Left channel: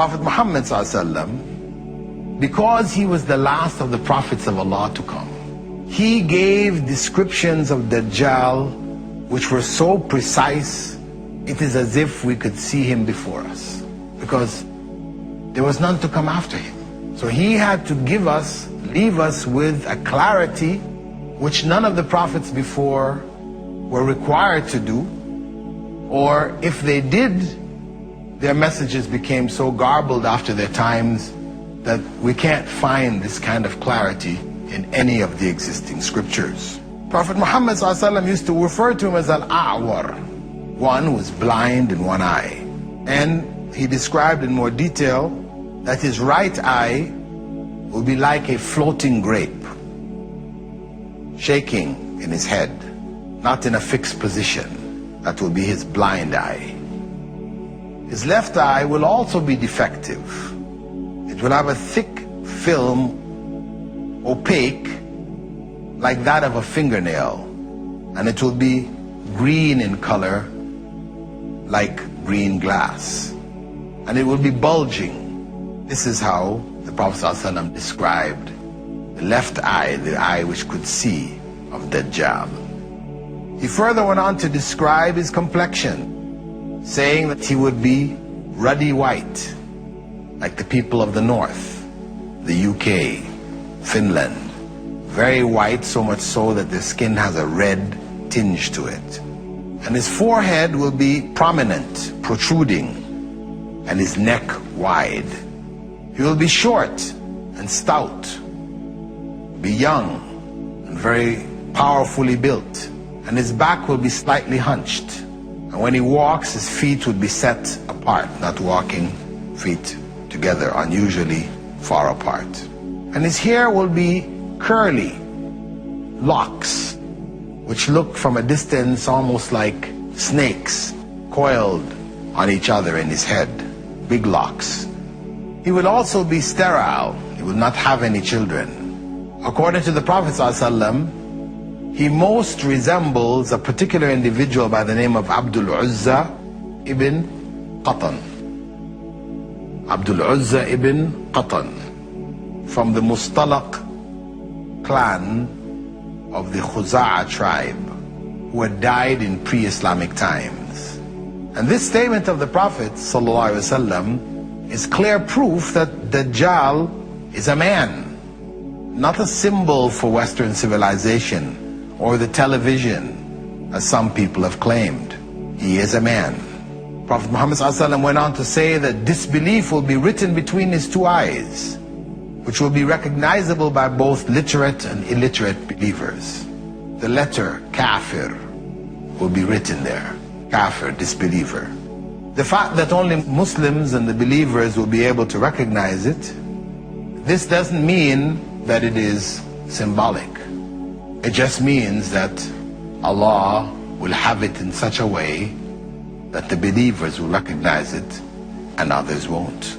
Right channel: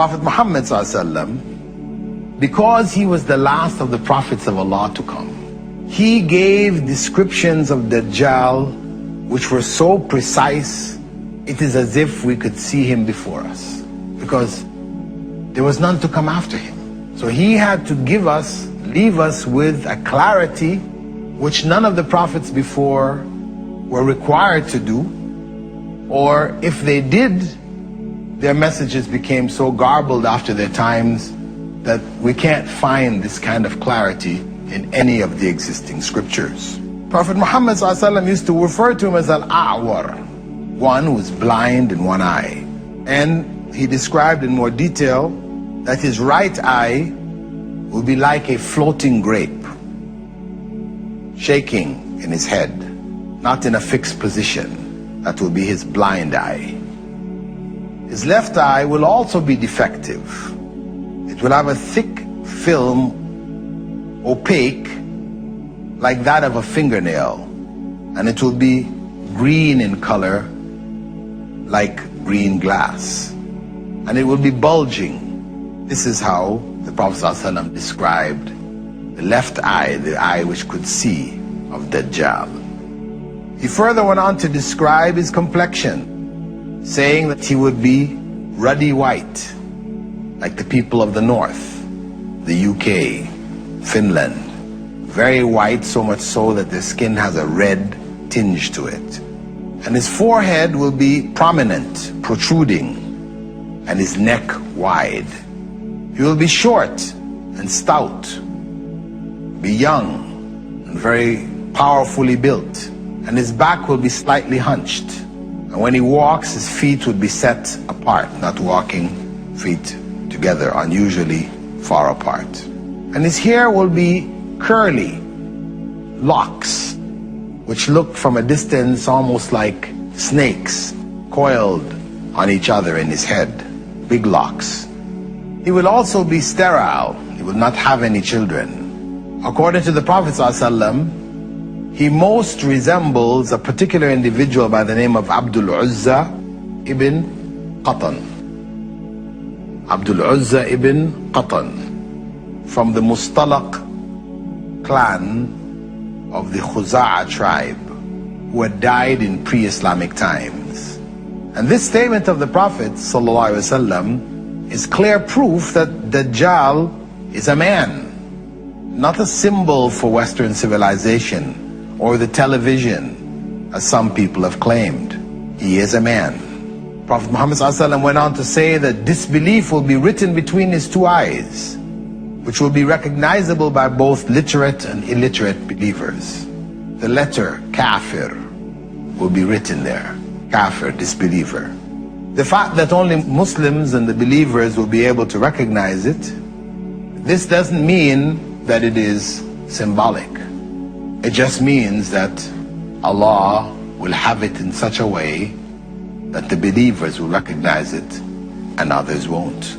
Prophet Muhammad ﷺ, because he was the last of the prophets of Allah to come, he gave descriptions of Dajjal which were so precise, it is as if we could see him before us, because there was none to come after him. So he had to leave us with a clarity which none of the prophets before were required to do, or if they did, their messages became so garbled after their times that we can't find this kind of clarity in any of the existing scriptures. Prophet Muhammad ﷺ used to refer to him as Al-A'war, one who is blind in one eye. And he described in more detail that his right eye will be like a floating grape, shaking in his head, not in a fixed position. That will be his blind eye. His left eye will also be defective. It will have a thick film, opaque, like that of a fingernail, and it will be green in color, like green glass, and it will be bulging. This is how the Prophet ﷺ described the left eye, the eye which could see, of Dajjal. He further went on to describe his complexion, saying that he would be ruddy white, like the people of the north, the UK, Finland. Very white, so much so that the skin has a red tinge to it. And his forehead will be prominent, protruding, and his neck wide. He will be short and stout, be young and very powerfully built, and his back will be slightly hunched. And when he walks, his feet would be set apart, not walking feet together, unusually far apart. And his hair will be curly locks, which look from a distance almost like snakes coiled on each other in his head, big locks. He will also be sterile. He will not have any children. According to the Prophet ﷺ, he most resembles a particular individual by the name of Abdul Uzza ibn Qatan. Abdul Uzza ibn Qatan, from the Mustalaq clan of the Khuza'a tribe, who had died in pre-Islamic times. And this statement of the Prophet ﷺ is clear proof that Dajjal is a man, not a symbol for Western civilization or the television, as some people have claimed. He is a man. Prophet Muhammad ﷺ went on to say that disbelief will be written between his two eyes, which will be recognizable by both literate and illiterate believers. The letter kafir will be written there. Kafir, disbeliever. The fact that only Muslims and the believers will be able to recognize it, this doesn't mean that it is symbolic. It just means that Allah will have it in such a way that the believers will recognize it and others won't.